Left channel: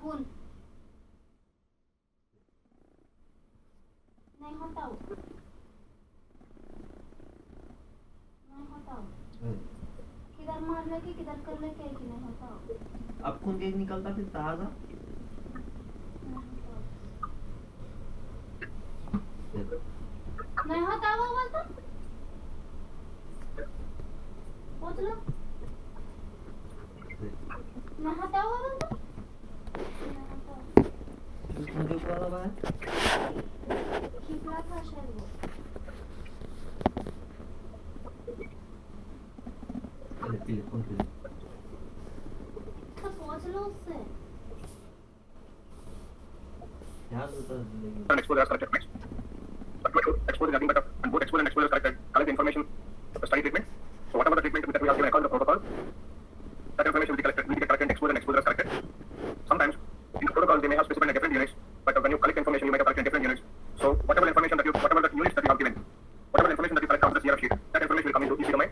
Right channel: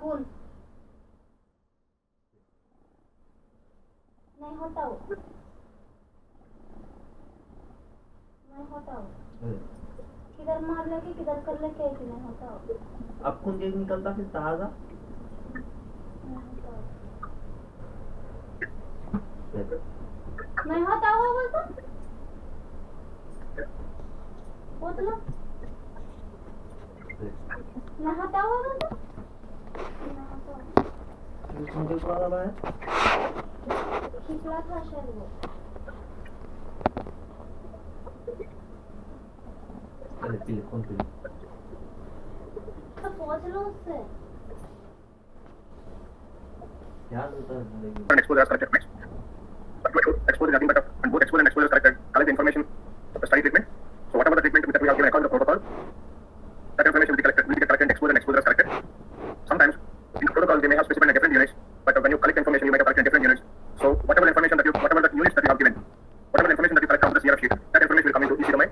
खून नहीं होता वो, नहीं होता वो, किधर मार लेके किधर कर लेके कि नहीं होता वो। अब खून तेज निकलता फिर ताजा नहीं होता वो बोलता बोलो नहीं होता वो बोलता नहीं होता मुझे ऊपर वाला है खिचड़ा था शायद वो। पहले पीले खून पीले तो पहुंच लो उससे याद होता है जिंदगी and expose as corrected next. Expose is nothing but and both expose and expose is corrected. Collect the information of the study treatment. So whatever the treatment that we have given according to the protocol, that information will be collected and exposed and exposure is corrected. Sometimes in the protocols they may have specified in different units, but when you collect information you might have collected in different units. So whatever the information that you, whatever the units that you have given, whatever the information that you collect from the CRF sheet, that information will come into EC domain.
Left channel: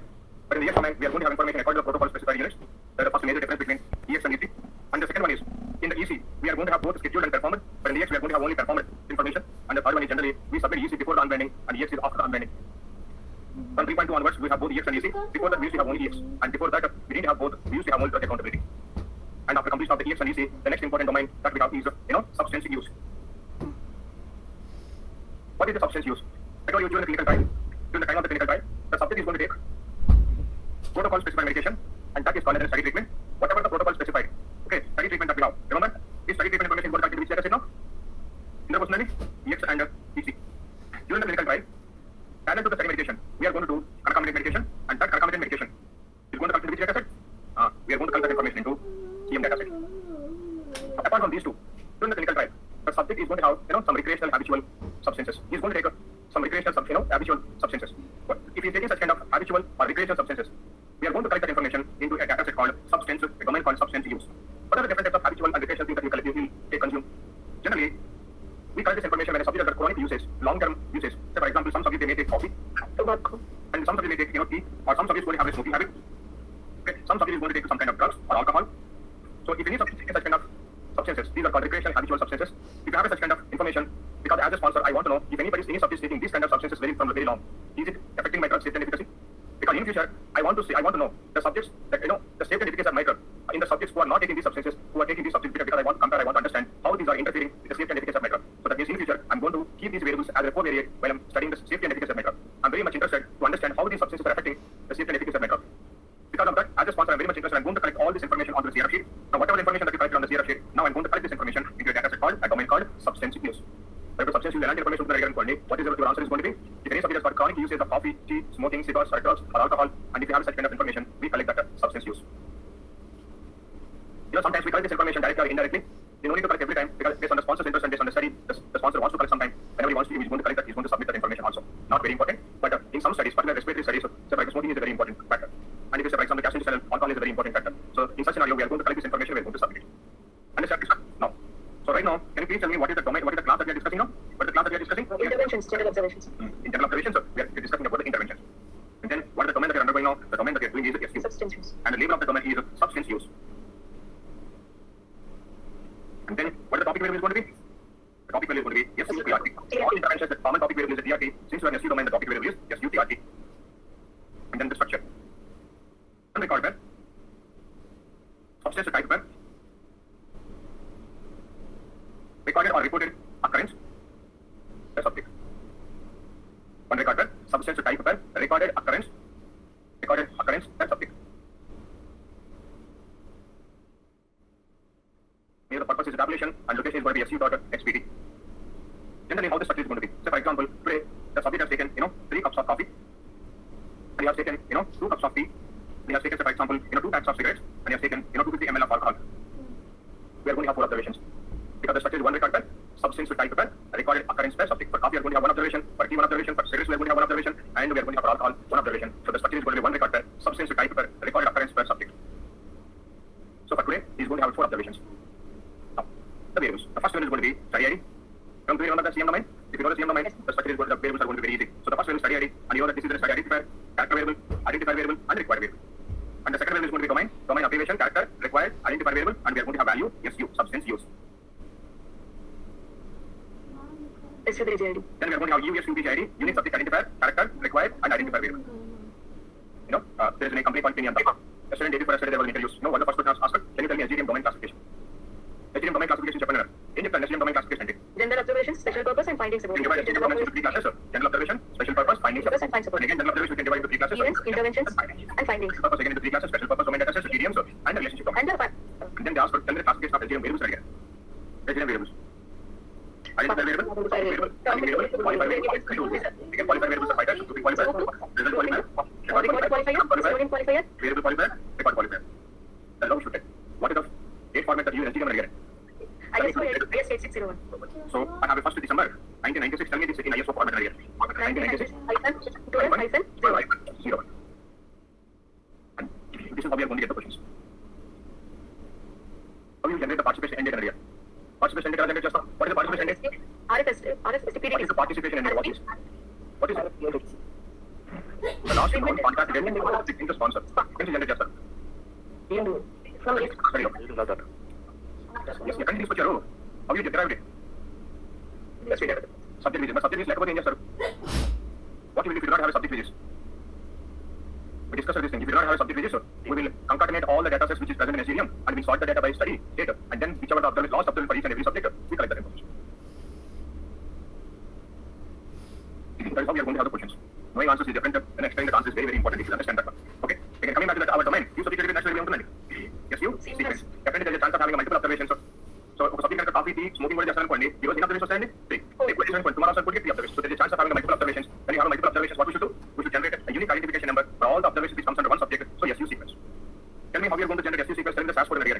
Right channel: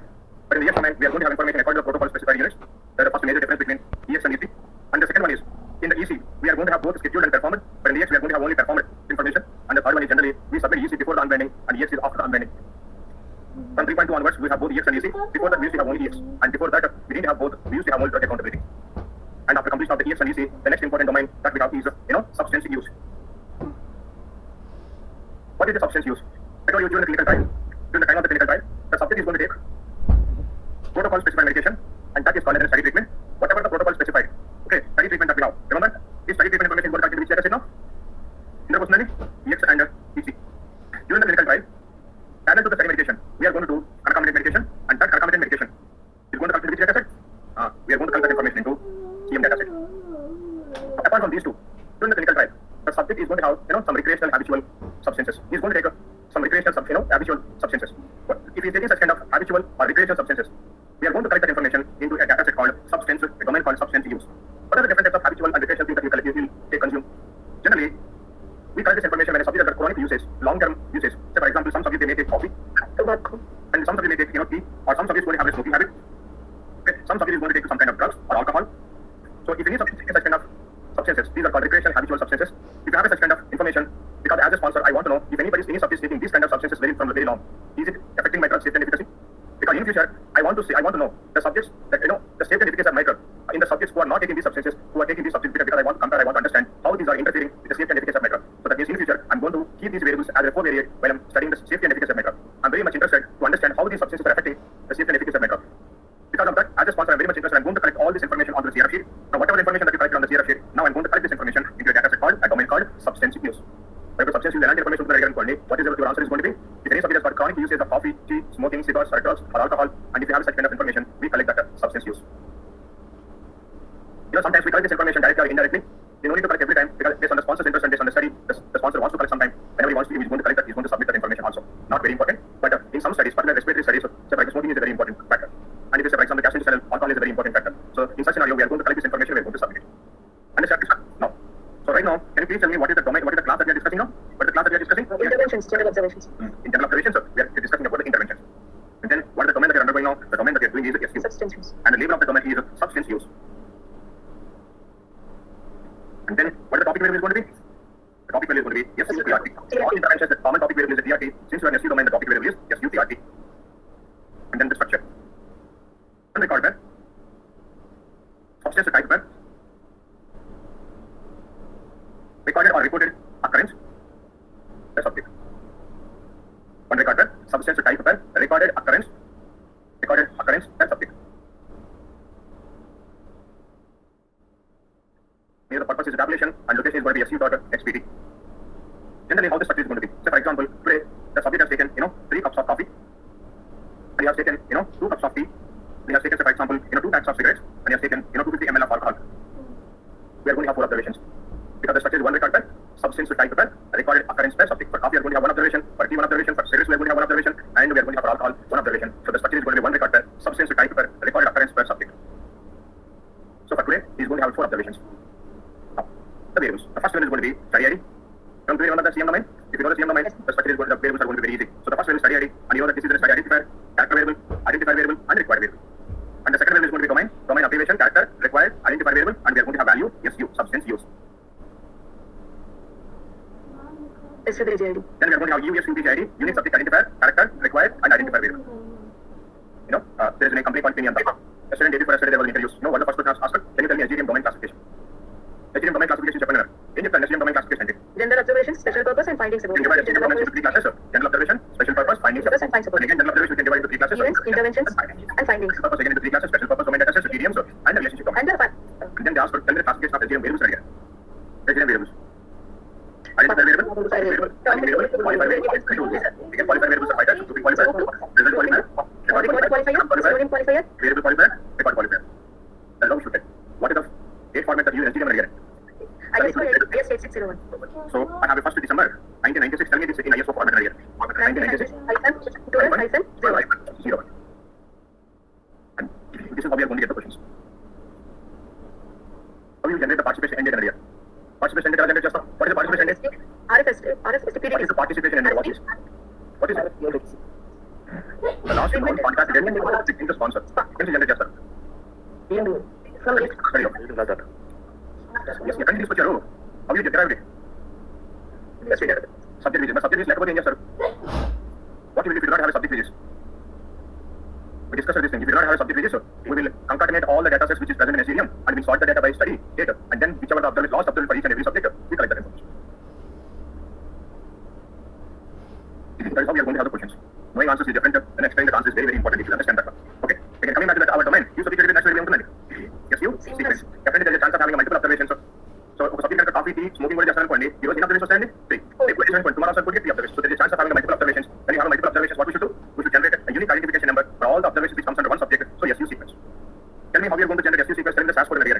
But in the EX domain we are going to have information according to the protocol specified units. That is the first major difference between EX and EC. And the second one is in the EC we are going to have both scheduled and performed, but in the EX we are going to have only performed information. And the third one is generally we submit EC before the unbinding and EX is after the unbinding. From 3.2 onwards we have both EX and EC. Before that we used to have only EX, and before that we didn't have both. We used to have only drug accountability. And after completion of the EX and EC, the next important domain that we have is substance use. What is the substance use? I told you during the clinical trial, during the time of the clinical trial, the subject is going to take protocol specified medication, and that is called as study treatment. Whatever the protocol specified. Okay, study treatment that we have. Remember, this study treatment information is going to calculate which data set now? Interpersonally, EX and EC. During the clinical trial, parallel to the study medication, we are going to do concomitant medication, and that concomitant medication is going to calculate which data set? We are going to calculate information into CM data set. Apart from these two, during the clinical trial, the subject is going to have some recreational habitual substances. He is going to take some recreational habitual substances. But if he is taking such kind of habitual or recreational substances, we are going to collect that information into a data set called substance, a domain called substance use. What are the different types of habitual and recreational things that you collect, you take, consume? Generally, we collect this information when a subject has got chronic usage, long-term usage. Say for example, some subjects they may take coffee, and some subjects may take tea, or some subjects going to have a smoking habit. Okay. Some subject is going to take some kind of drugs or alcohol. So if any subject takes such kind of substances, these are called recreational habitual substances. If you have such kind of information, because as a sponsor, I want to know if any subject is taking these kind of substances from very long, is it affecting my drug safety and efficacy? Because in future, I want to know the subjects that the safety and efficacy of my drug in the subjects who are not taking these substances, who are taking these substances because I want to compare, I want to understand how these are interfering with the safety and efficacy of my drug. So that means in future, I'm going to keep these variables as a covariate while I'm studying the safety and efficacy of my drug. I'm very much interested to understand how these substances are affecting the safety and efficacy of my drug. Because of that, as a sponsor, I'm very much interested. I'm going to collect all this information onto the CRF sheet. Now, whatever information that you collect on the CRF sheet, now I'm going to collect this information into a data set called a domain called substance use. So, if substance use and information to the regular what is your answer is going to be? If any subject has got chronic usage of coffee, tea, smoking, cigars, or drugs, or alcohol, and if you have such kind of information, we collect that substance use. Sometimes we collect this information directly or indirectly. You don't need to collect every time because based on the sponsor's interest and based on the study, the sponsor wants to collect sometime. Whenever he wants to, he's going to collect that, he's going to submit that information also. Not very important, but in some studies, particularly respiratory studies, say for example, smoking is a very important factor. And if you say for example, gastrointestinal alcohol is a very important factor. So in such scenario, we are going to collect this information, we are going to submit it. Understand? Now. So right now, can you please tell me what is the domain, what is the class that we are discussing now? What is the class that we are discussing? Interventions, general observations. In general observations, we are discussing about the interventions. And then what is the domain that we are undergoing now? The domain that we are doing is the SU. Substance use. And the label of the domain is substance use. And then what is the topic variable is going to be? The topic variable is going to be SUTRT. All interventions, the common topic variable is the TRT. Since you are in SU domain, the topic variable is SUTRT. And then the structure. Unrecorded pair. Substance type pair. Recorded or reported occurrence. The subject. One record pair. Substance type pair. Recorded occurrence. Recorded occurrence. The subject. Here the purpose is tabulation and location is going to be SU.xpt. Generally, how the structure is going to be. Say for example, today the subject has taken 3 cups of coffee, and he has taken 2 cups of tea. He has taken, say for example, 2 packs of cigarettes, and he has taken 250 ml of alcohol. We are going to have 4 observations because the structure is one record pair, substance type pair, recorded occurrence pair, subject. For coffee, we are going to have 1 observation. For tea, 1 observation. For cigarettes, we are going to have 1 observation, and we are going to have for alcohol 1 observation. So the structure is going to be 1 record pair, substance type pair, recorded occurrence pair, subject. So for today, he is going to have 4 observations. The variables. The first one is going to be study ID. Don't you remember the CM domain? If you know the CM domain, the structure is going to, the variables are going to be very easy. So the first one is study ID, and you know that this is the study identifier, character variable, identifier variable, and required variable. And the second variable is going to be domain abbreviation, character, required, identifier variable, and we are going to have value, SU, substance use. rest of the AGID. Then we are going to have USUBGID, unique subject identifier, character, required, and identifier variable. You know, there is a company called Pinion. Yesterday, day before yesterday, they were interviews. You know, what the first person asked, can you tell me SGDM domain classification? SGDM domain classification చెప్పండి ఏం చెప్తాను SGDM domain classification అంటే General observation, special purpose, and findings about you can divide SGDM domain into three classes, sir. General observation, special purpose, findings, Purpose and find support. and again general observation we can divide into three classes, sir. Events, interventions, and findings. Special purpose again into three classes, special purpose domain data sets, TDM, sir, and the relationship domain. And the And then they asked for tell me the classification of SGDM variables again. SGDM variables. Identifier variable, topic variable, timing variable, qualifier variable, again qualifier variables are five types, grouping qualifier, result qualifier, Record qualifier, sodium qualifier, variable qualifier, record qualifier. That's how we should take. What is the date format that you use SGDM again? ISO 8601. So I have a 1st December 1996. Tell me this in ISO format again. 1996. -12-01. And this is how we are going to get the questions. How you generate the participation end date and year? Participation end date generate just what is the participation end date? RFS, What is the participation end date? What is it? The last one contract date in the sponsor. When is generate just sir? Very good. Yes, you can use your role. How you derive it? Let's see. Subject visits. Subject visits like sir. What you will if you do not have a subject visits? We discussed this thing. If you do not have a subject visits, we will concatenate all the data sets which is present in SGDM and we will sort the data by study data and then whichever the observed lost observed for each and every subject, we collect that information. That is how we are going to have the questions. Knowing answers is different and explaining the answers is very, very important if you understand that one. Okay. Again, coming back to that, our domain, you subject naturally ఉంటుంది. Yes, you sequence. Definitely there is a chance of having a multiple observations. So ఒక subject కనుక coffee tea smoking కూడా చేస్తారనుకోండి ఈ రోజు ఎన్ని observations వస్తాయండి 3 tomorrow also could 3 observations. So there is a chance of having a multiple observations. When you have a multiple observations, what we should do? We should generate a unique identification number for all the observations which comes under one subject. So SU sequence. Tell me how you are going to generate SU sequence. Tell me the SAS code and the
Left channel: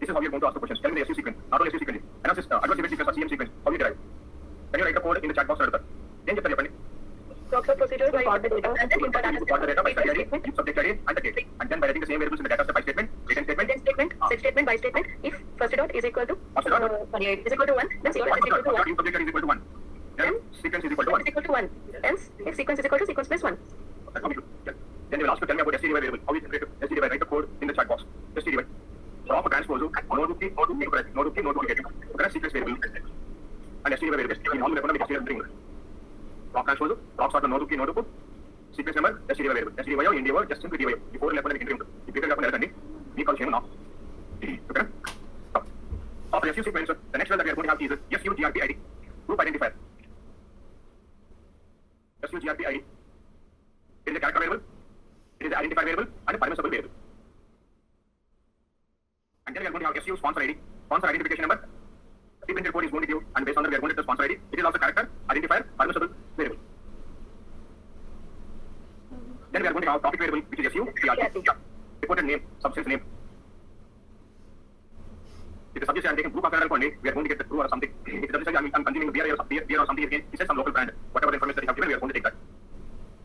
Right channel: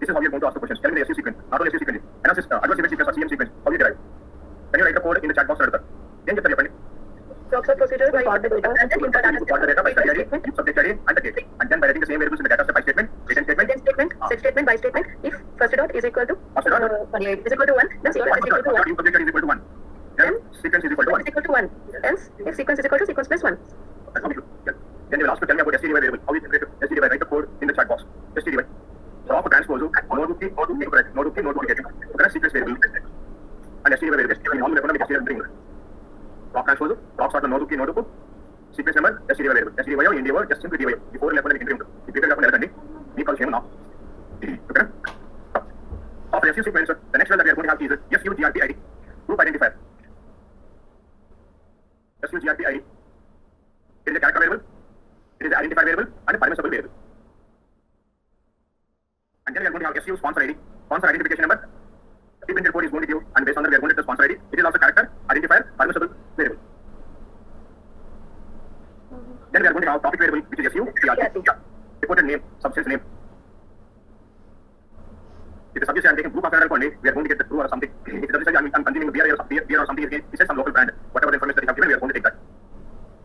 This is how you are going to ask the questions. Tell me the SU sequence. Not only SU sequence. Analysis, adverse event sequence or CM sequence. How you derive? Can you write the code in the chat box? ఏం చెప్తారు చెప్పండి? Proxy procedure by import the data and then import Import the data by study ID, subject ID, and the date. And then by writing the same variables in the data set by statement, return statement, then statement, set statement, by statement. If first dot is equal to First dot? is equal to 1, then second is equal to 1. Subject ID is equal to 1. Then sequence is equal to 1. Is equal to 1. Else, if sequence is equal to sequence plus 1. That's how we do. Yeah. Then they will ask to tell me about STD variable. How we generate STD write the code in the chat box. STD drop a transpose, node key, node key, correct sequence variable. And STD variable. All the STD variable. Drop transpose, drop sort of node key, sequence number, STD variable. STD or India word, just simply DY. Before level and interim. If you can level we call shame now. Okay. After SU sequence, the next one that we are going to have is SUGRP ID. Group identifier. SUGRP ID. It is a character variable, it is an identifier variable, and a permissible variable. And then we are going to have SU sponsor ID, sponsor identification number. The printed code is going to give, and based on that we are going to get the sponsor ID. It is also character, identifier, permissible variable. Then we are going to have topic variable, which is SU, TRP. Reported name, substance name. If the subject I am taking blue coffee, we are going to get the blue or something. If the subject I am consuming beer or something, it says some local brand. Whatever the information that you have given, we are going to take that.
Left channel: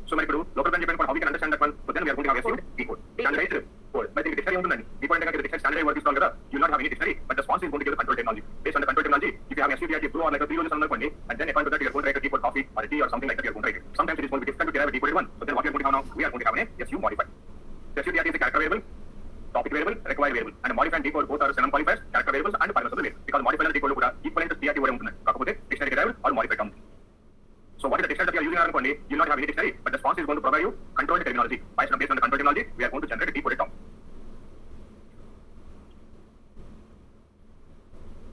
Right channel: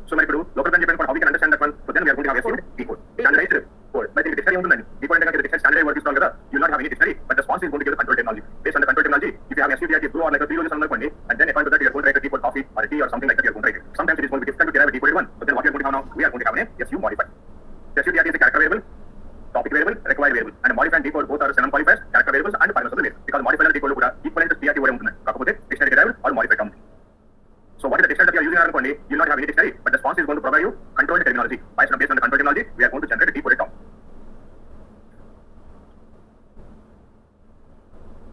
So many people, local brand depends on how we can understand that one. So then we are going to have SU decode. Standardized code. But if the dictionary ఉంటుంది decode అంటే the dictionary standardized word is కదా, you will not have any dictionary, but the sponsor is going to give the control technology. Based on the control technology, if you have SU, blue or like a 3 rows అనుకోండి, and then according to that you are going to write a decode coffee or a tea or something like that you are going to write it. Sometimes it is going to be difficult to derive a decoded one. But then what we are going to have now, we are going to have an SU modified. The SU is a character variable, topic variable, required variable, and modified and decode both are synonym qualifiers, character variables and permissible variables. Because modified and decode కూడా equivalent to TRT word ఉంటుంది. కాకపోతే dictionary derived or modified ఉంటుంది. So what is the dictionary that you are using అనుకోండి, you will not have any dictionary, but the sponsor is going to provide you controlled terminology. Based on the controlled terminology, we are going to generate a decoded term.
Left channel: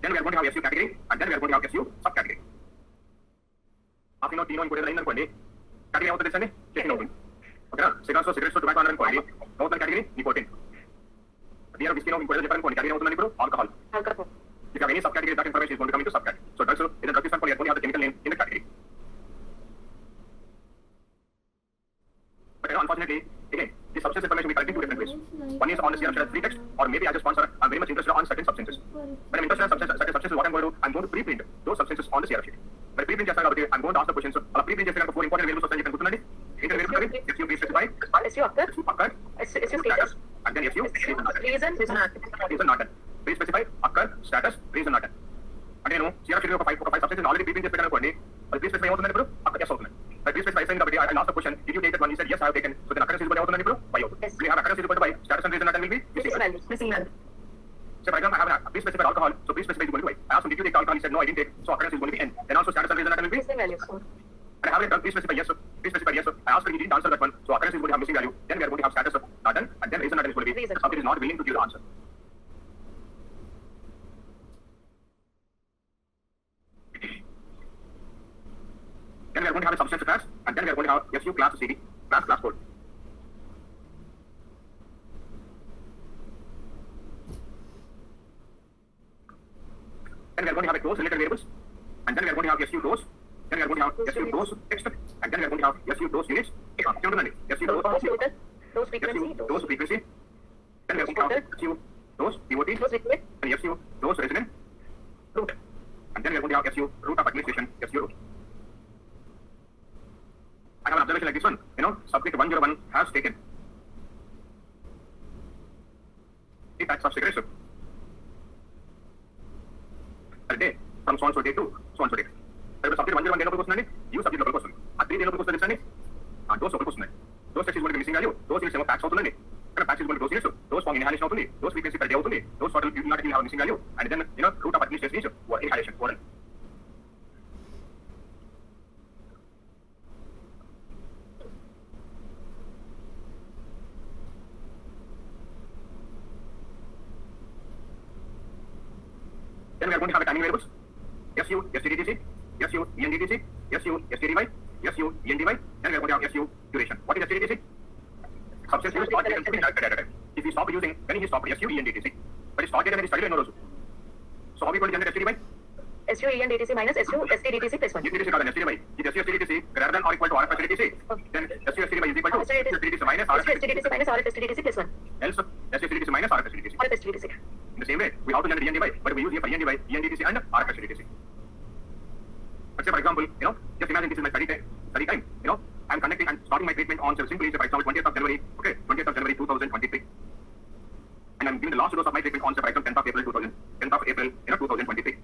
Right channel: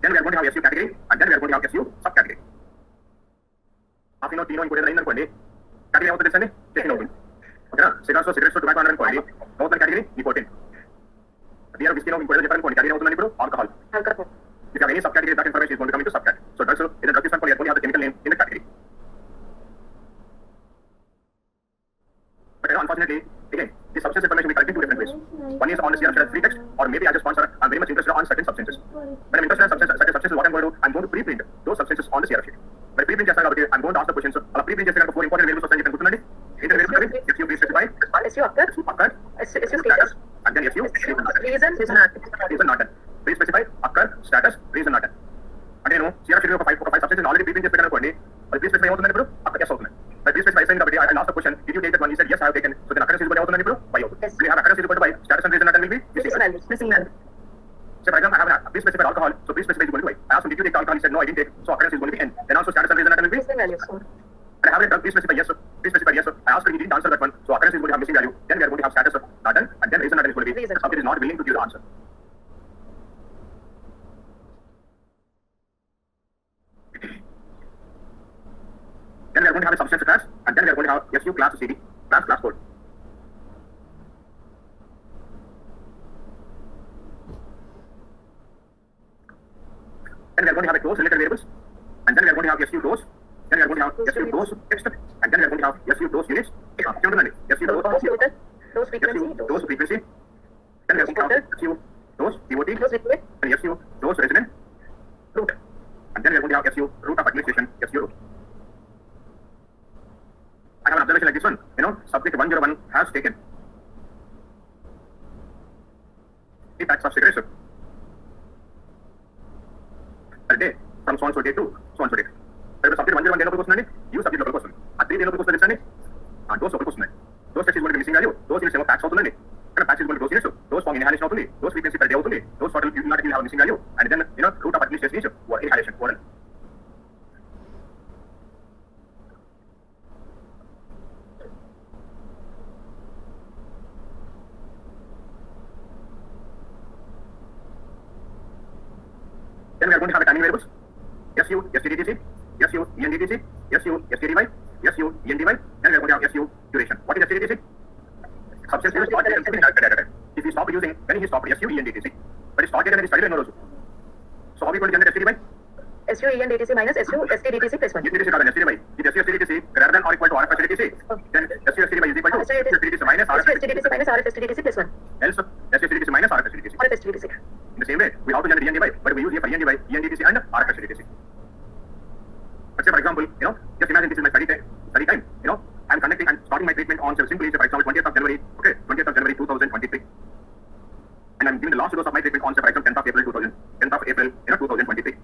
Then we are going to have SU category, and then we are going to have SU subcategory. After included line అనుకోండి, category అవుతుంది తెలుసండి, checking అవుతుంది. ఓకేనా? cigarettes tobacco అనుకోండి, అవుతుంది category nicotine. Beer whiskey included చెప్పారనుకోండి, category అవుతుంది ఇప్పుడు alcohol. If you have any subcategory, that information is going to come into subcategory. So drugs, in the drug is going to have the chemical name in the category. But unfortunately, again, the substance information we collect in two different ways. One is on the CRF free text, or maybe as a sponsor, I'm very much interested on certain substances. When I'm interested in certain substances, what I'm going to do, I'm going to pre-print those substances on the CRF sheet. But pre-print చేస్తాను కాబట్టి I'm going to ask the questions. అలా pre-print చేస్తే కనుక 4 important variables వస్తాయి చెప్పి గుర్తుందండి. ఏంటి variables అవి? SU please specify. SU occur, SU status, and then SU reason not done. Please specify occur, status, reason not done. అంటే నేను CRF sheet ఒక 5 substances ఆల్రెడీ pre-print చేసి పెట్టాను అనుకోండి. అది please specify అవుతుంది ఇప్పుడు అక్కడ yes అవుతుంది. But please specify కాబట్టి I asked the question, did you take that one? He said yes, I have taken. So then occurrence is equal to అవుతుంది ఇప్పుడు y అవుతుంది. We have occurrence is equal to y. Status and reason not done will be missing value. So for example, I have please specify alcohol. So please specify is equal to y. I asked him, did you take alcohol? He said no, I didn't take. So occurrence is going to be n. Then also status and reason not done will be values. And I have it done, please specify yes, sir. Please specify yes, sir. I asked her, he didn't answer that one. So occurrence is going to have missing value. Then we are going to have status, sir. Not done. And then reason that is going to be Reason. the subject is not willing to give the answer. Then we are going to have a substance class, and then we are going to have SU class CD, class code. Then we are going to have a those related variables, and then we are going to have SU those, then we are going to have SU those text, and then we are going to have SU those units. SU Those total, those frequency, those frequency, then we are going to have SU those DOT, those liquid, and SU those resonant root, and then we are going to have SU root of administration, SU root. I have an observation like this one, subject 101 has taken 3 packs of cigarettes per day from so and so day to so and so day. But subject 101 day local question, you subject local question. A 3 day local question is those local question. Those text is going to be missing value, those units packs out. Packs is going to those units, those form inhalation out, those frequency per day out, those total you do not have missing value, and then root of administration is inhalation, oral. Then we are going to have a timing variables. SU, STDTC, SU, ENDTC, SU, STDY, SU, ENDY, then we are going to have SU duration. What is STDTC? Substance use start date and directed at a time. If you stop using, then he stopped SU, ENDTC. But it started and it started also. So how are we going to generate STDY? SU ENDTC minus SU STDTC plus 1. ENDTC rather than STDY. If SU STDTC greater than or equal to RF STDTC, then SU STDY is equal to STDTC minus RF STDTC minus RF STDTC plus 1. Else SU STDTC minus RF STDTC. RF STDTC. In the same way, we have to generate ENDY, but we use here for ENDY, ENDTC and RF STDTC. Let's say for example, just imagine this is my study time, I'm conducting and starting my treatment on simply for example 20th of January, 2023, and I'm giving the last dose of my treatment on for example 10th of April 2023.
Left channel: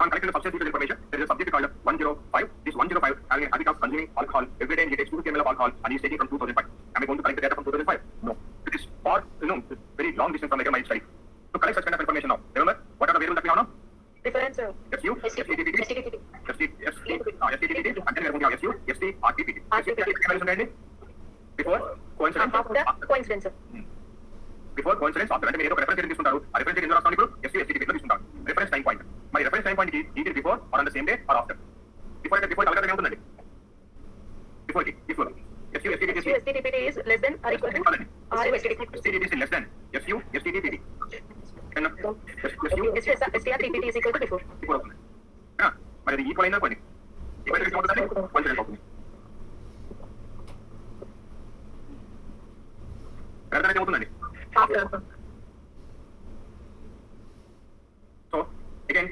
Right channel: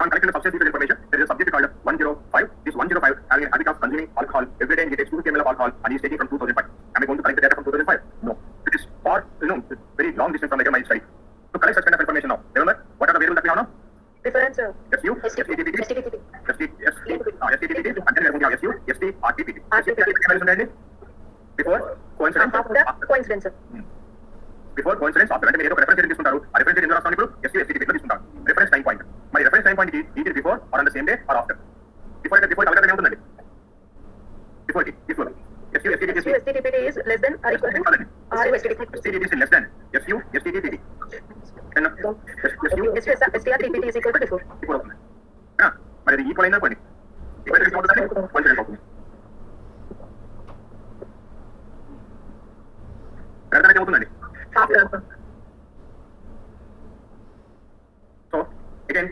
On collecting the substance use information, there is a subject called 105. This 105 having a habit of consuming alcohol every day, and he takes 2 ml of alcohol and he's taking from 2005. Am I going to collect the data from 2005? No. It is far, very long distance from my study. To collect such kind of information now, remember, what are the variables that we have now? Reference SU, STDTT, STDTT, and then we are going to have SU, ST, RTPT. Before coincidence. After coincidence. Before coincidence, after అంటే మీరు ఒక reference తీసుకుంటారు ఆ reference ఎందులో రాస్తాను ఇప్పుడు SU, STDT లో తీసుకుంటారు రిఫరెన్స్ టైం పాయింట్ మరి రిఫరెన్స్ టైం పాయింట్ కి is before or on the same day or after before available ఉంటుందండి before SU, STDT is less than or equal to RF STDT. STDT is less than SU, STDT. STRTPT is equal to before. అవుతుంది మరి అది equal అయినా కొన్ని equal అవుతుందండి confident అవుతుంది అర్థమైతే అవుతుందండి. After. So again,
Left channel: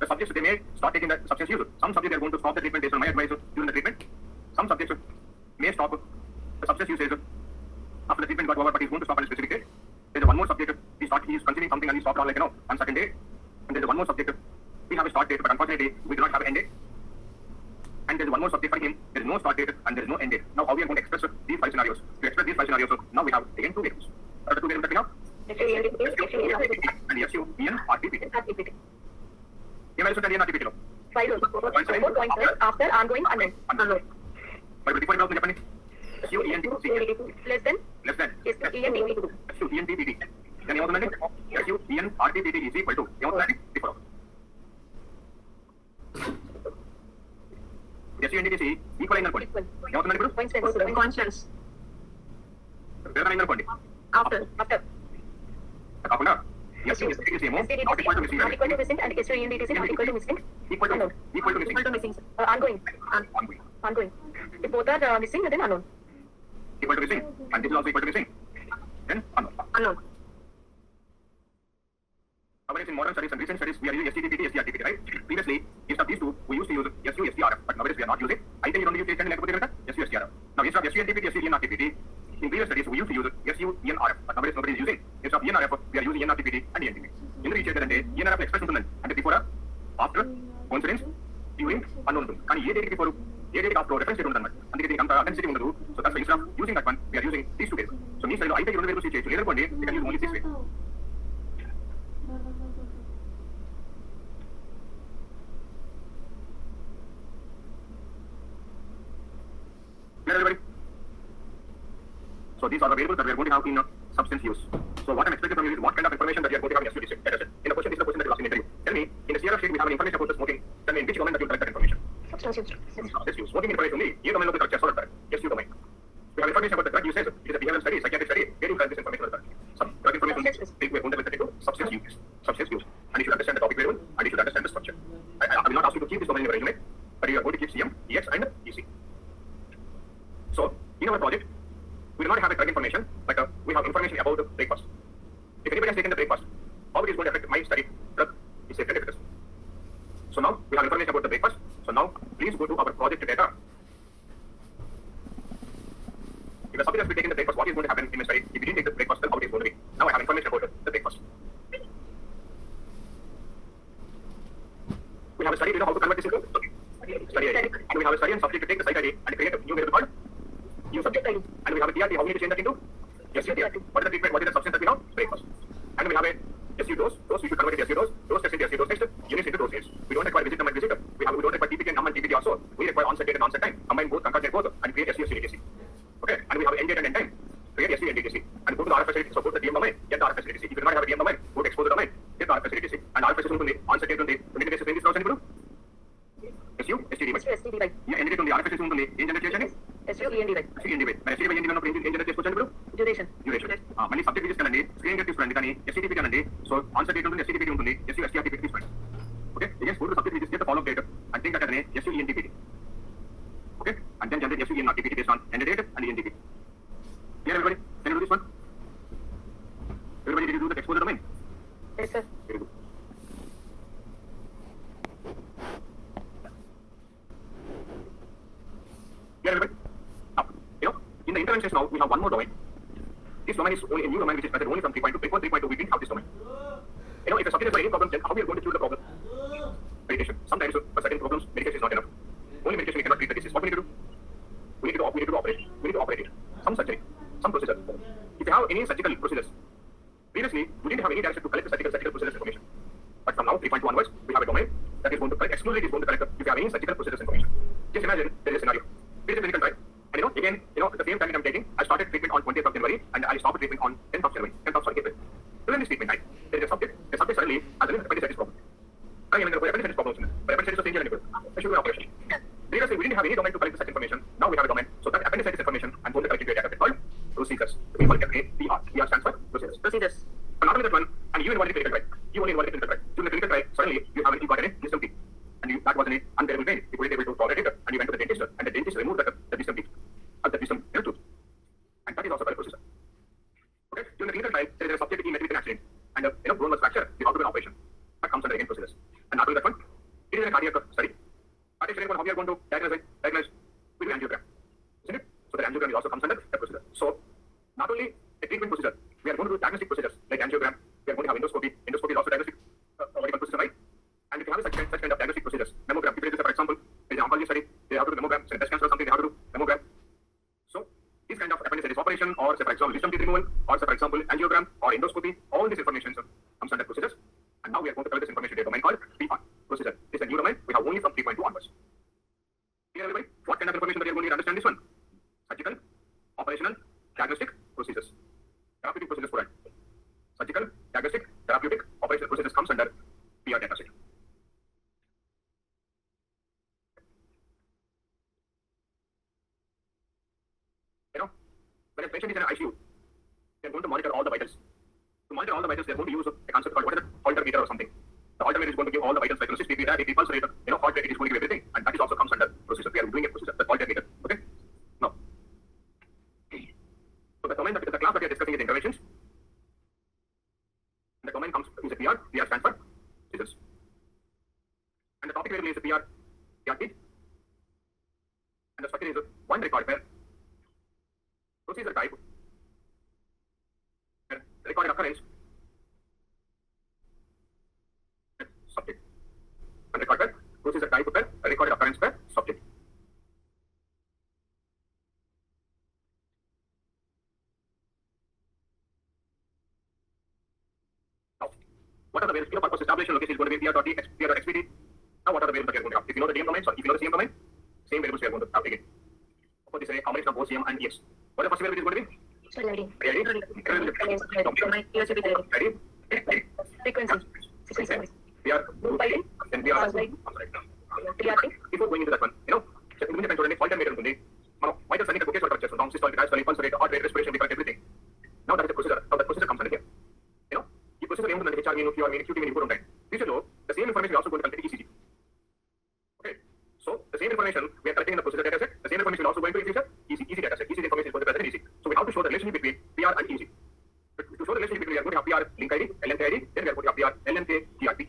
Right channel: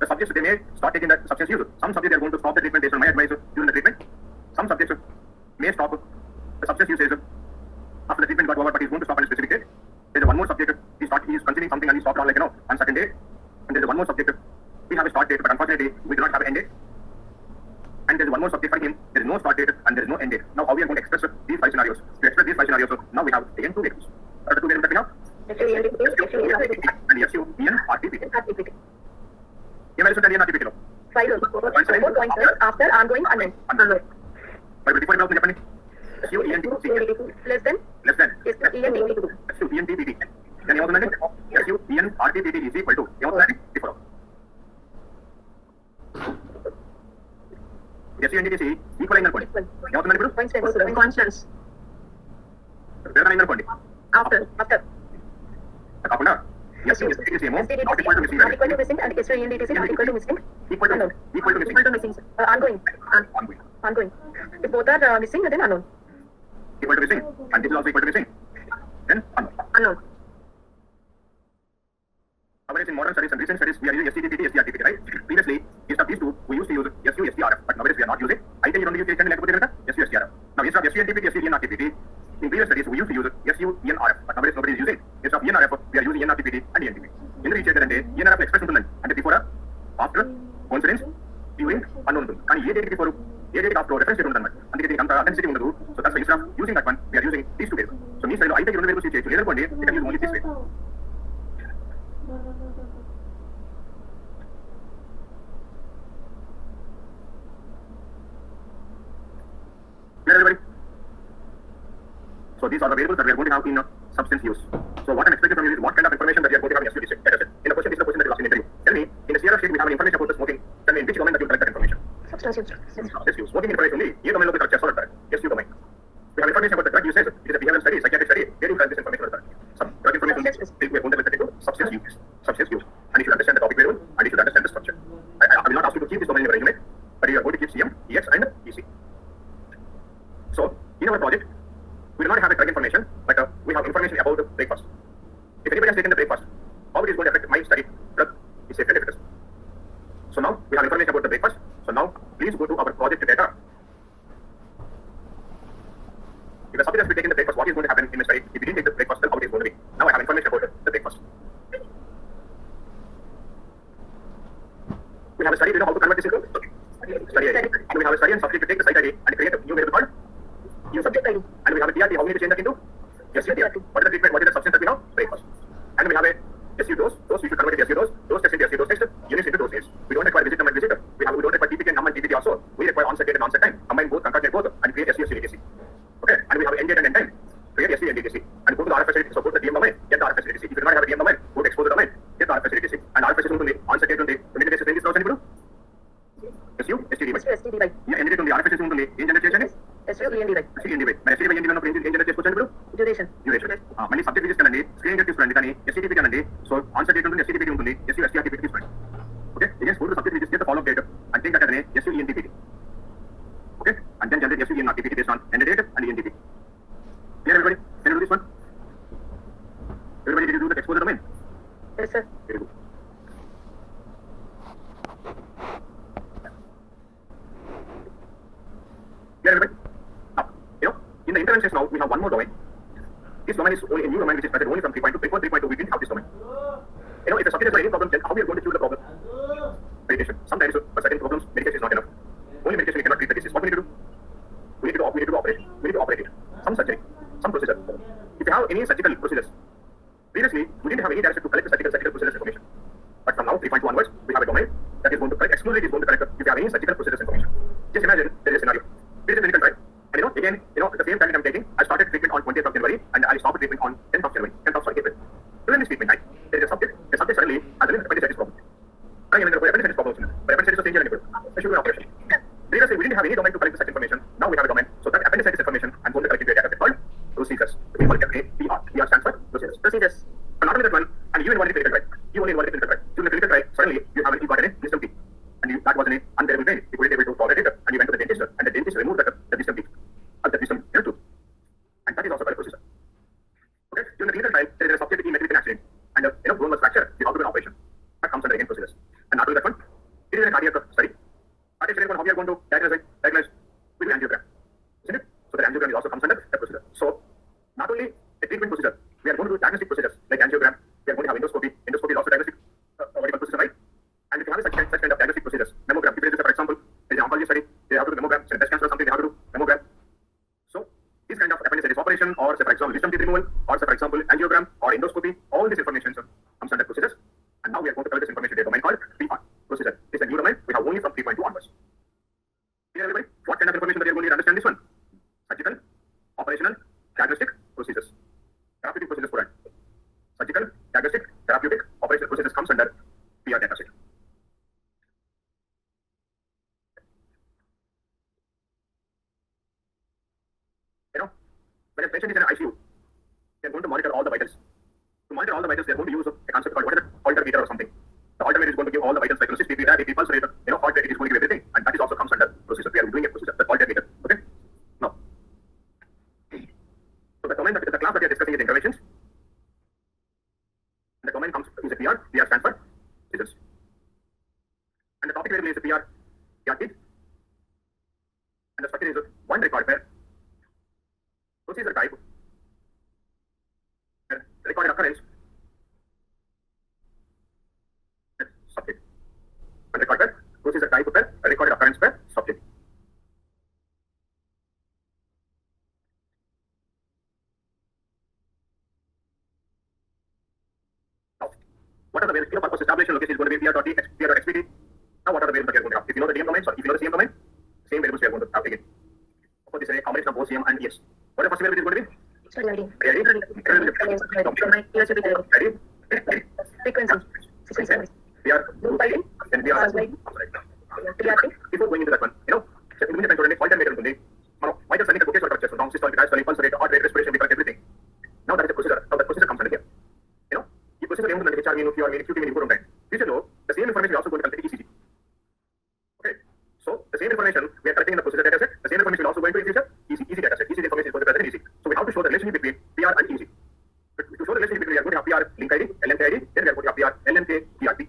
the subjects they may start taking that substance use. Some subjects are going to stop the treatment based on my advice during the treatment. Some subjects may stop the substance usage after the treatment got over, but he's going to stop on a specific date. There's one more subject he is consuming something and he stopped on on certain day. And there's one more subject we have a start date, but unfortunately we do not have an end date. And there's one more subject for him. There is no start date and there is no end date. Now how we are going to express these 5 scenarios? To express these 5 scenarios, now we have again 2 variables. What are the 2 variables that we have? And SU, EN, RTPT. ఏమైనా RTPT లో 5 points after ongoing unknown. మరి before ఏమవుతుంది చెప్పండి? SU, EN, Less than ENDTT. SU, EN, TPT. then ఏమవుతుందండి? SU, EN, RTPT is equal to ఏమవుతుందండి? before SU, NDTC equal అయిందనుకోండి ఏమవుతుందండి ఇప్పుడు? Constants. వేరే అయిందనుకోండి After. కాకుండా SU, STDTC ఏమో not equal to missing Not equal to missing and SU ENDTC not equal to missing. equal to missing. Equal to missing. Ongoing. If both are missing, then unknown. Equal to missing and this is also equal to missing, then Unknown. Nowadays in modern studies and recent studies we are using STDTT, STRTPT, right? Previously instead of these two we used to use SU, STRF, but nowadays we are not using. I think you don't use SU, STRF. Now instead of SU, NTPT, SU, ENRTPT, in previous studies we used to use SU, ENRF, but nowadays nobody is using. Instead of ENRF we are using ENRTPT and ENTP. In the research అంటే ENRF express ఉంటుందండి అంటే before, after, coincidence, during, unknown ఉంటుంది కానీ a date before a date after reference date ఉంటుంది అందుకే దీనికి అంత authenticity ఉండదు. So that's why instead of using that one we are using these 2 days. So మీ సైడ్ లో అయితే 2 డేస్ యూజ్ చేయొచ్చు లేదనుకోండి you can use only this way. Clear, everybody? So these are the variables that we are going to have in substance use. So what I'm expecting from you is what kind of information that we are going to have in SUD6. That is it. In the question, this is the question that you asked in the interview. Tell me, in the CRF sheet we have an information about the smoking. Tell me in which domain that you collect that information. Substance use. Substance use. Smoking information only. ये domain लोग correct है, correct. Yes, you domain. We have information about the drug usage. It is a behavioral study, psychiatric study. Where do you collect this information? Some drug information. We are going to look into substance use. Substance use. And you should understand the topic variable and you should understand the structure. I will not ask you to keep this domain in your resume, but you are going to keep CM, EX, and EC. So in our project, we do not have a drug information, but we have information about the breakfast. If anybody has taken the breakfast, how it is going to affect my study drug is safe and efficacious. So now we have information about the breakfast. So now please go to our project data. If the subject has been taking the breakfast, what is going to happen in my study? If you didn't take the breakfast, then how it is going to be? Now I have information about the breakfast. We have a study. Do you know how to convert this into study ID? And we have a study and subject to take the site ID and create a new variable called new subject ID. And we have a TRT. How we need to change that into SU. What is the treatment? What is the substance that we have? Breakfast. And we have a SU dose. Those we should convert into SU dose. Those tests into SU dose text. Units into dose units. We don't require visit number and visitor. We don't require TPT and num and TPT also. We require onset date and onset time. Combine both, concatenate both, and create SU DTC. Okay. And we have end date and end time. Create SU and DTC. And go to the RFS facility. So go to the DM domain. Get the RFS facility. If you do not have a DM domain, go to expose the domain. Get the RFS facility. And RFS is only onset date only. Community days is now send it SU, STD. STD, right. Yeah, end date only. RFS is only. In generation is SU, END, right. STD way. My STD end of in generation question Duration. duration. మళ్ళీ subject తీసుకోండి screen తీసుకోండి కానీ STP కానండి so answer date ఉంటుంది STP ఉంటుంది SC STRT తీసుకోండి okay ఇదే school subject తీసుకో ఫాలో డేట్ అండ్ థింక్ అదే SC ENTP okay and then generate SC ENTP based on end date and ENTP clear everybody can you do this one everybody did you do the exposure domain Yes, sir. Very good clear everybody now in the interventions now we have one more domain. This domain is only a new domain which is started only from 3.2. Before 3.2 we didn't have this domain. If the subject has got any problem, then how we are going to choose the problem? Medication. Sometimes for certain problems medication is not enough. Only medication cannot treat the disease. What we need to do? We need to operate. We need to operate it. Some surgery, some procedure. If you have any surgical procedures, previously we didn't have any direction to collect the surgical procedures information. But from now 3.2 onwards, we have a domain that is going to collect exclusively is going to collect if you have any surgical procedures information. Just imagine there is a scenario. There is a clinical trial. And again, at the same time I'm taking, I started treatment on 20th of January and I stopped treatment on 10th of January, 10th of April. During this treatment time, there is a subject suddenly has an appendicitis problem. Appendicitis problem. Appendicitis is a change in I should do an operation. Previously, we didn't have any domain to collect such information. Now we have a domain. So that appendicitis information, I'm going to collect it in a database called procedures. We call it PR. PR stands for procedures. Procedures. But not only that one, and you involved in clinical trial. You only involved in clinical trial. During the clinical trial, suddenly you got an wisdom teeth. And that was an unbearable pain. You couldn't able to tolerate it, and you went to the dentist, and the dentist removed the wisdom teeth. The wisdom tooth. And that is also called procedure. Okay? During the clinical trial, there is a subject in medical accident, and bone was fractured. We have to do an operation. That comes under again procedures. And not only that one, it is a cardiac study. Cardiac study, how we are going to diagnose with an angiogram. Isn't it? So the angiogram also comes under the procedure. So not only a treatment procedure, we are going to do diagnostic procedures like angiogram. We are going to have endoscopy. Endoscopy is also diagnostic medical procedure, right? And if you have such kind of diagnostic procedures, mammogram. If it is, for example, there is an oncology study, they have to do mammogram. Breast cancer or something, they have to do mammogram. So this kind of appendicitis operation, or say for example wisdom teeth removal, or say for example angiogram or endoscopy, all this information comes under procedures. And now we are going to cover this information in a domain called PR. Procedure. This is a new domain. We have only from 3.2 onwards. Clear everybody? What kind of information that you are going to understand this one? Surgical, operational, diagnostic procedures. Therapeutic procedures for that. Surgical, diagnostic, therapeutic, operational procedures comes under PR data set. When a patient is in an ICU, they are going to monitor all the vitals. To monitor all the vitals, they are going to use a concept called what is it? Altermeter or something. The altermeter is going to give all the vitals like BP, diabetes, pulse rate, heart rate, it is going to give everything, and that is also comes under procedure. We are doing a procedure, the altermeter. Okay? Now, so the domain, the class that we are discussing is interventions. And the domain comes is a PR. PR stands for results. And the topic variable is a PRT. And the structure is one record pair. Procedure type, recorded occurrence, subject. And record pair, procedure type pair, recorded occurrence pair, subject. Now, what are the variables? Purpose establishment location is going to be PR.xpt. Now, what are the variables that we are going to have? If you know the DM domain, so if you know the CM domain, same variables we are going to have taken. For this, and ES. What the first variable is going to be? Study ID. Ready? So my years will be ready. Ready? Frequency. Frequency. We are Group ID. then we are Right. right. Before going into that one, immediate time point and ఉంటుంది మనం vital sign ఒకే చోట వచ్చేస్తాం down systolic diastolic pulse rate heart rate respiration we collect everything. Now that is the procedure. Now that procedure comes under here. ఈ procedure ఏముంటుందంటే HR mean, QR mean, QT mean కూడా ఉంటాయి. Future లో the same information is also going to collect ECG. Okay. So the same information we are collecting in the procedure data set. The same information is also going to future ECG data set. ECG information is going to be present in ECG. So we have to show the relationship between PR and ECG. To show the relationship between we are going to have PR link ID, LNK ID, then we are going to have PR LNK GRP.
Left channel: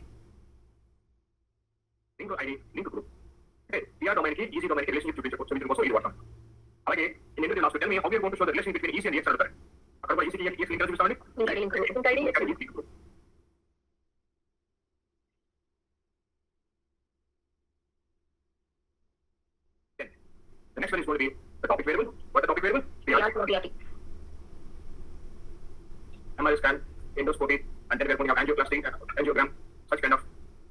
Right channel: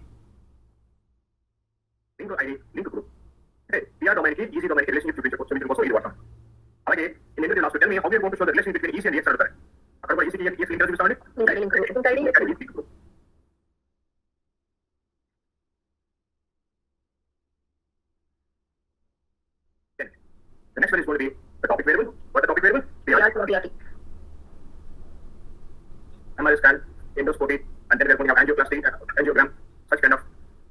Link ID, link group. Okay, PR domain ki ECG domain ki relationship చూపించవచ్చు. So మీకు కోసం ఇది వాడతాం. అలాగే in the last tell me how we are going to show the relationship between EC and EX అడుగుతారు. అక్కడ కూడా ECG EX link చూపిస్తామండి. Link ID. Link group. The next one is going to be the topic variable. What is the topic variable? PR. MRI scan, endoscopy, and then we are going to have angioplasty, angiogram, such kind of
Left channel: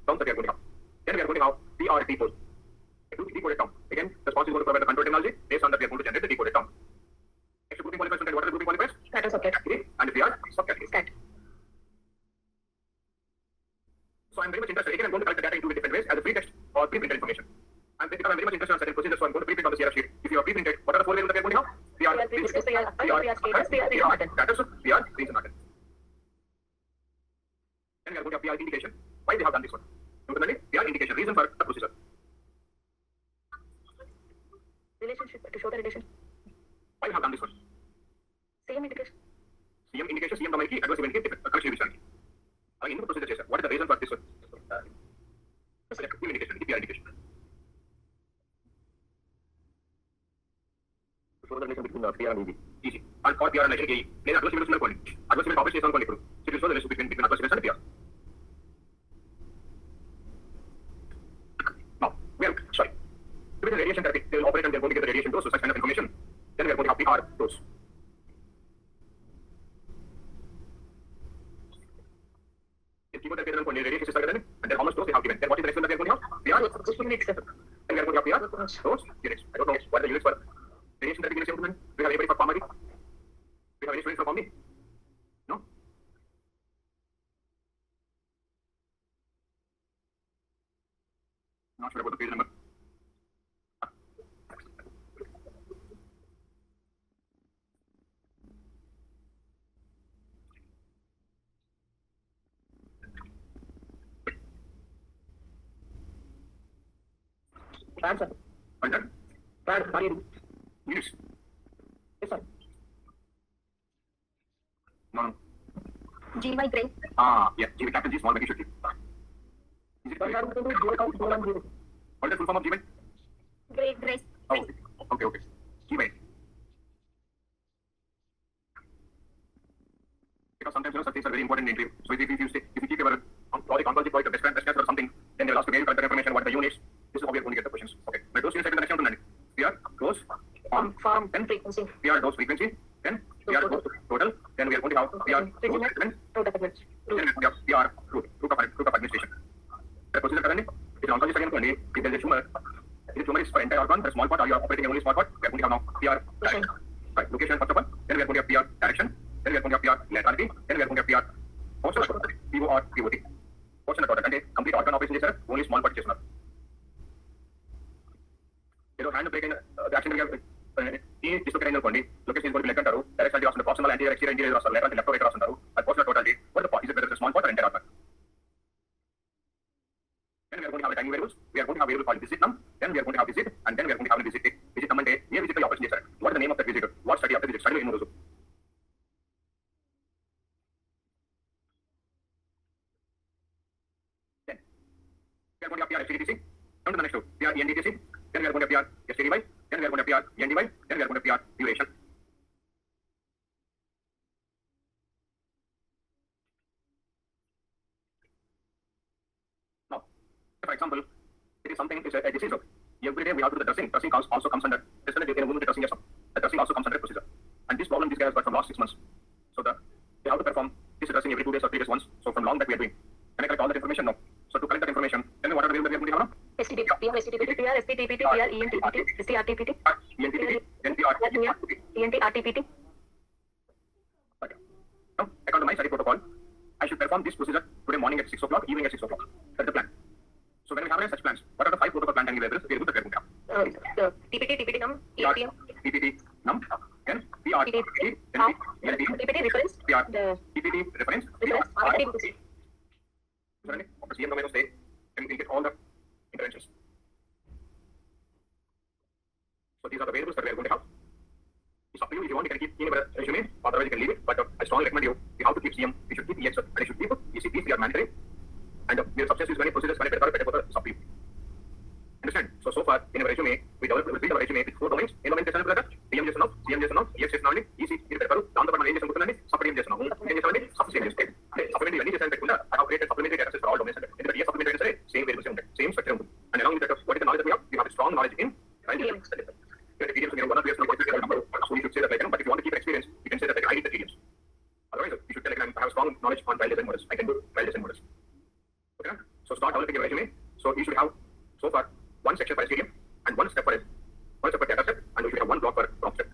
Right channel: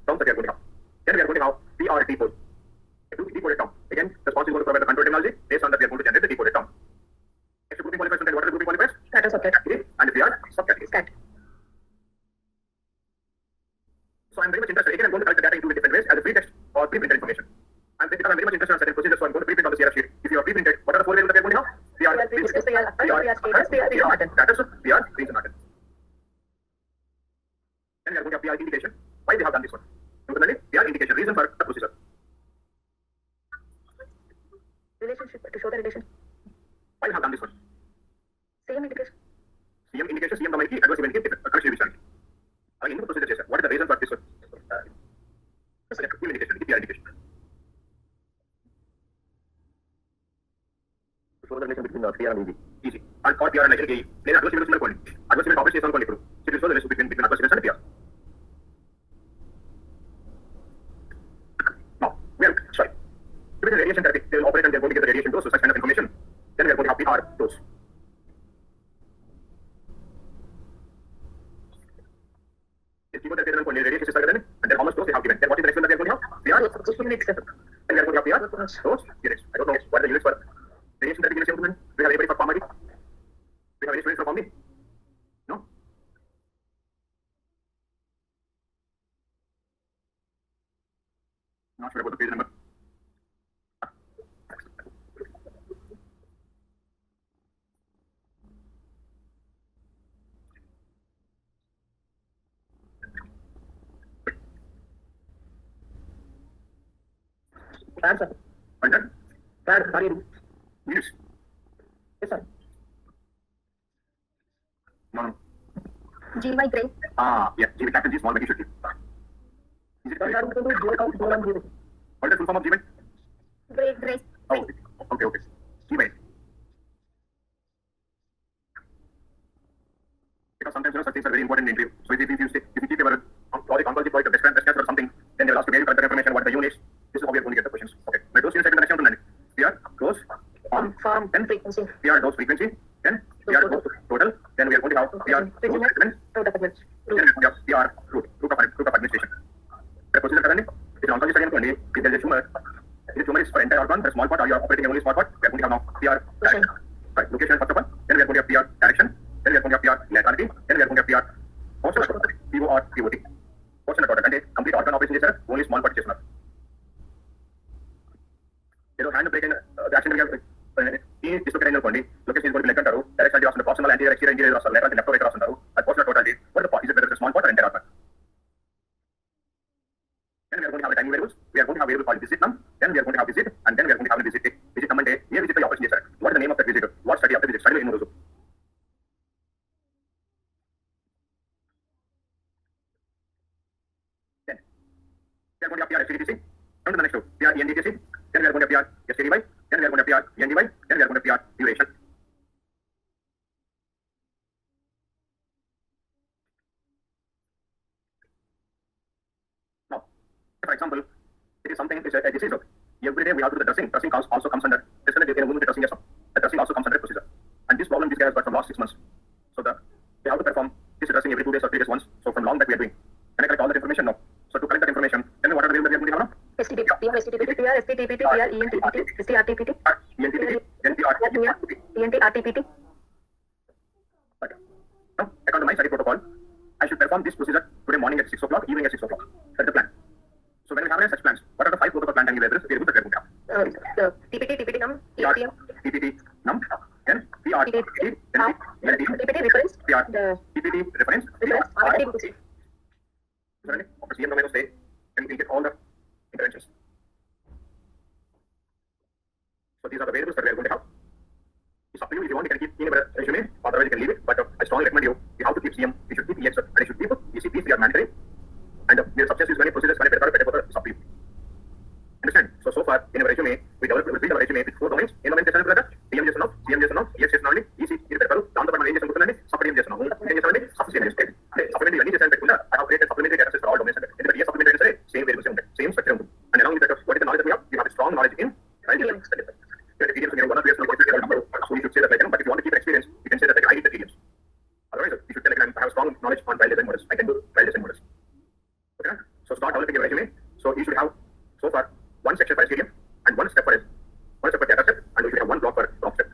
terms that we are going to have. Then we are going to have PRT pole. Decoded term. Again, the sponsor is going to provide the control terminology. Based on that, we are going to generate the decoded term. Next grouping qualifiers, what are the grouping qualifiers? Stat and subcat. Category and PR subcategory. Stat. So I'm very much interested. Again, I'm going to collect the data in two different ways, as a free text or pre-printed information. And because I'm very much interested in certain procedures, so I'm going to pre-print on the CRF sheet. If you are pre-printed, what are the four variables that we are going to have? PR, status, PR, reason matter. Then we are going to have PR indication. Why we have done this one? Similarly, PR indication, reason for the procedure. Relationship to show the relation. Why we have done this one? Same indication. CM indication, CM domain ki, adverse event ki, correction revision. Again, in the procedure chase, what is the reason for this one? Full indication, PR indication. So the relation between PR and EG. EG. And for PR and AE. Then adverse events are called. Adverse event operation is called. So it will show the relation between adverse events and PR. Now, we are sorry. With the radiation therapy, they will operate and they are going to get the radiation dose, so such kind of information. Then we are going to have PR dose. If you go to the radiation is started, and then how much dose they have given. Then what is the next one that we are going to have? PR. Then we are going to have PR dose units. I don't know what are the units for radiation therapy units. Do we have anybody for pharmacy? Do we have any students for pharmacy? No. Not sure about the page number. Answer. Under? Sorry. Units. Yes, sir. No, no. GY Gray. Yeah. G capital G small but you should be. Is it correct? What is the full form of Gmail? Gray. Oh, okay. Gmail. Because sometimes such things are very important in interview. So if you keep your oncology project, best cancer or something, then they will ask you very correct information, what are the units. This is how we are going to get the questions. Okay. But those units are the next one. PR, dose, form, then frequency. PR dose frequency, then PR dose total, then we are going to have PR dose regimen, Route of admission. then we have PR route of administration. The procedure currently, if you oncology study, if there is a tumor, if the tumor is for entire organ, the small part, or you are operating only small part, we are going to have now PR direction. Right, location first of all, then we are going to have PR direction, then we are going to have PR laterality, then we are going to have PR portion of total, POR, POT. Portion of total, and a complete organ operation is there, only small part is not. Hand break in the action we have is dislocated location is going to be left under direct side the proximal anterior exterior interior or lateral left over under and portion of totality. What the is it whether it's a small part or entire organ? Then we are going to have a timing variables. We are going to have variable called visit num. Then we are going to have visit, and then we are going to have a visit. Visit num and day. Here visit the operation is. What is the name of that visit? What study of the visit? Study in Uruzu. Then we are going to have PR FCDTC. Come to the next two. PR ENDTC. Then we are going to PR STDY, then we are going to PR ENDY, then we are going to PR duration. Now, for example, it is something, it's a disease. Every day we have to do the dressing. Dressing also comes under, the dressing as well. The dressing also comes under procedure. And this problem this guy has got from last 6 months. So they have to perform this dressing every 2 days or 3 days once. So from long that we are doing. Can I collect all that information? No. So to collect that information, then what are the variables that we are going to have now? STDP, PR, STDP, PR, STTPT, PR, ENTPT, STRTPT, ENTPT, NPR. Junior, ENT, RTPT. Okay. Now, according to my study protocol, I should perform this procedure today morning at 6 o'clock, evening at 6 o'clock. That's the plan. So when we have such plans, what are the 5 protocol plan time address? We are able to get them. TPT, TPT num, PR, EPM, TPT, num, then PR, TPT, NP, LT, TPT reference, PR, the TPT reference, reference, PR, RTPT. Certainly, after CM domain of state, then we get all the interventions. So these are the variables that we are going to have. It's up to you if you want, you can keep in a resume, otherwise you can leave it. But I strongly recommend you have to keep CM, you should keep EX, and you should keep ECPs, they are mandatory. And the substance is going to procedures going to be better, it's up to you. Understand? So far, in our resume, we developed our resume with 4 domains. In domain చేశాను కదా, CM చేస్తున్నాం, EX చేస్తున్నాం, EC ఇది పెడతారు. దాంతో పాటు మనం ఏం చేసాం గుర్తుందండి, సపరేట్ ఏం చేస్తున్నాం. ఏం చేస్తామండి, సబ్స్టిట్యూట్ చేస్తే. అంటే సపరేట్ అన్ని చేసాను పెట్టుకున్నా, I have created supplementary data sets for all domains. ఎందుకంటే ఏ సప్లిమెంటరీ అయినా సరే సేమ్ వేరియబుల్స్ ఉంటాయి, సేమ్ స్ట్రక్చర్ ఉంటుంది. And along with that, what is the knowledge that we have a strong knowledge in TDMs. TDMs, one of the number, so you should say that like, but if you want to keep experience, you can say that like, I need the TDMs. Otherwise, you should say like, I have strong knowledge on trial design models. I can do trial design models. Okay? So start developing your resume. So you should have so far 1 section for STDM and 1 step for data set, and you should have 1 block for crop step.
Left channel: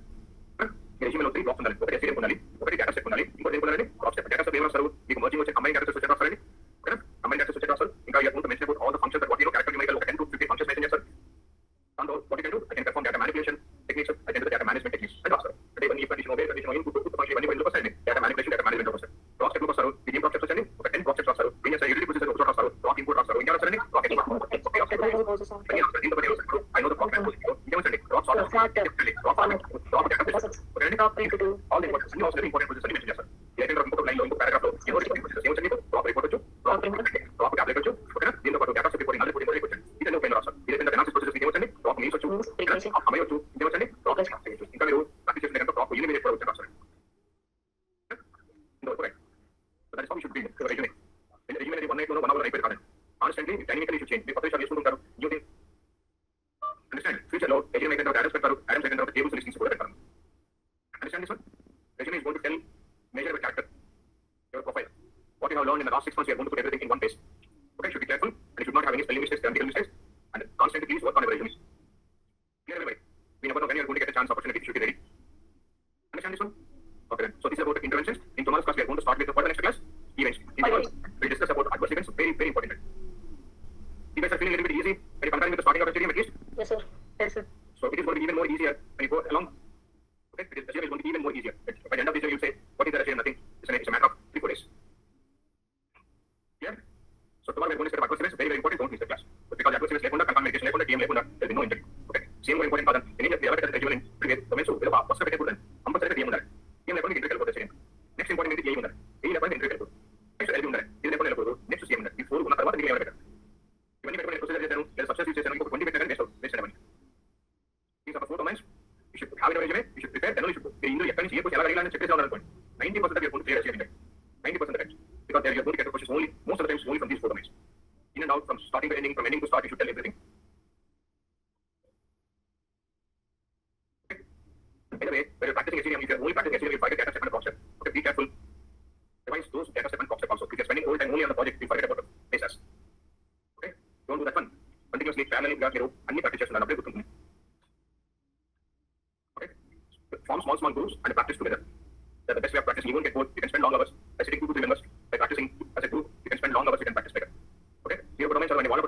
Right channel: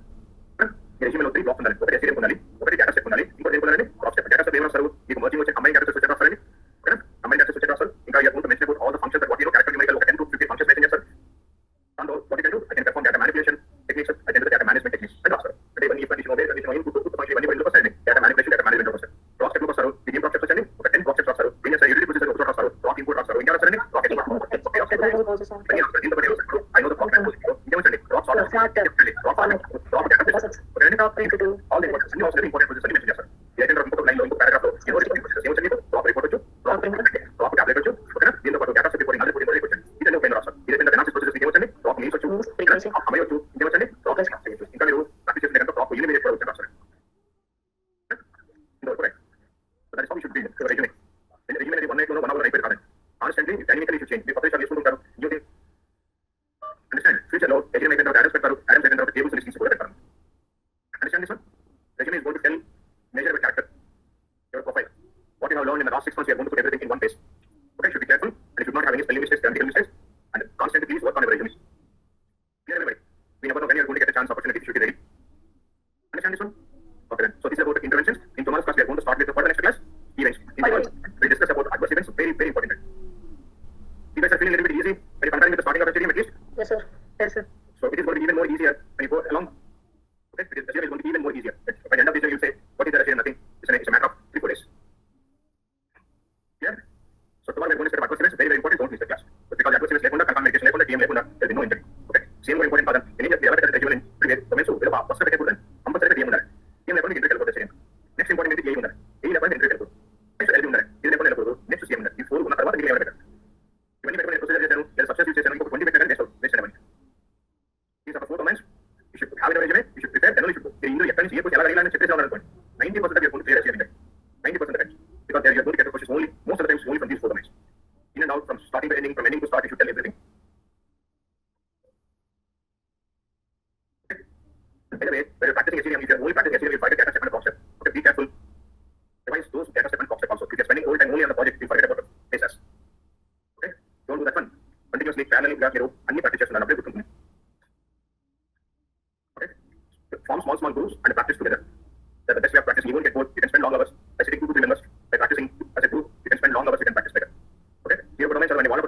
Your resume లో 3 blocks ఉండాలి. ఒకటి STDM ఉండాలి, ఒకటి data set ఉండాలి, ఇంకోటి ఏం ఉండాలి, crop step. Data set ఏం రాస్తారు, మీకు merging వచ్చే combined data set వచ్చే రాస్తారండి. Okay? Combined data set వచ్చే రాస్తారు. ఇంకా you are going to mention about all the functions that what you know, character numerical, ఒక 10 to 15 functions mention చేస్తారు. And what you can do, I can perform data manipulation techniques, I can do the data management techniques. And also, అంటే ఇవన్నీ condition obey, condition input, function ఇవన్నీ ఎందుకు వస్తాయండి, data manipulation, data management వస్తాయి. Crop step వస్తారు, ఇది crop steps వచ్చండి, ఒక 10 crop steps వస్తారు. ఏం చేస్తారు, utility procedure ఒక చోట వస్తారు, crop input వస్తారు, ఇంకా వస్తారండి, crop input. I know the crop input. ఇంకేమండి, crop sort, crop all the important, అన్ని అవసరం important procedures mention చేస్తారు. ఏదైనా ఇంకొక లైన్ లో ఇంకొక paragraph లో ఏమొచ్చింది, crop report వచ్చు, crop tablet వచ్చు, ఓకేనా, దీంతో పాటు data set reporting, other reporting వచ్చండి. ఇదన్నీ ఒక రాస్తారు. ఇదైనా analysis procedures ఏమొచ్చండి, crop means వచ్చు, అమయొచ్చు, ఇంకేమొచ్చండి, crop చేయొచ్చు. ఇంకా మీరు ప్రాక్టీస్ చేసిన కనుక crop eliminate కూడా వచ్చి రాస్తారు. ఇంతవరకు right. So that is how you should build your resume. When resume అనేది 1 night లోనో 1 hour అయిపోయి కాదండి. Constantly, dynamically you should change. మీరు కొత్త విషయాలు చేసుకుంటుంటారు. You can understand. Future లో resume అయిన తర్వాత address పెడతారు, address అయిన తర్వాత tables listings కూడా పెడతారు. Understand this one? Resume is going to tell, measure your character, your profile. What you have learned in the last 6 months, you are going to put everything in one place. Okay, should be careful, and you should not have any spelling mistakes, grammatical mistakes, and constantly please work on your resume. Clear everybody? We never know when you are going to get a chance, opportunity, you should be ready. Understand this one? Okay then. So this is about interventions. In tomorrow's class, we are going to start with the next class, events. In events, we discuss about adverse events, very, very important. You guys are feeling a little bit easy when you comparing with the starting of STDM at least? Yes, sir. Yes, sir. So it is going to be even more easier when you go along. Okay, the STDM is going to be even more easier. By the end of this year, you say, what is the STDM? Nothing. It's a matter of 3-4 days. Yeah? So tomorrow we are going to set up adverse events, very, very important. Don't miss the class. But because adverse events lekunda, confirm medication lekunda, TM lekunda, there will be no injury. Okay? Same very important padan. Any theoretical resume in previous domains, so first step ekkudan. Compulsory TM undali. TM lekunda injury kelpote STDM. Next important is AE undali. AE lekunda injury kelpote. Next LD undali. ఇది lekunda kelpote. Next CM undali. ఈ 4 ఉన్న తర్వాత ఇంక ఏమైనా పెట్టాలి. ఇవన్నీ పెట్టుకొని procedure చేశాను, లేదా సబ్స్టిట్యూట్ చేశాను, ఇంకొక 20 పెట్టాను, నెక్స్ట్ అవ్వండి. These are the 4 domains. You should have in your resume, you should prepare, then only you should go. ఇందులో ఎక్కడి నుంచి ఏ క్వశ్చన్ ఎలా అడిగాలని చెప్పేసి ఉన్నాను అనుకోండి. 90% you're going to clear STDM. 90% of the time. Because you're going to get the questions only, most of the times only from these 4 domains. In and out, from starting to ending, from ending to start, you should tell everything. Okay. By the way, when you're practicing STDM, if you're only practicing STDM, you'll forget data step and concept. Okay, be careful. Revise those data step and concept also. If you're spending all time only on the project, you forget about the basis. Okay, don't do that one. Continuously, parallelly, grab your అన్ని practice చేస్తున్నాను, అప్పుడే గుర్తుంటుంది. Okay, form small groups and practice together. That's the best way of practicing. You won't get bored. You can spend long hours by sitting 2 to 3 members. By practicing as a group, you can spend long hours, you can practice better. Okay, here are the domains, and when you want to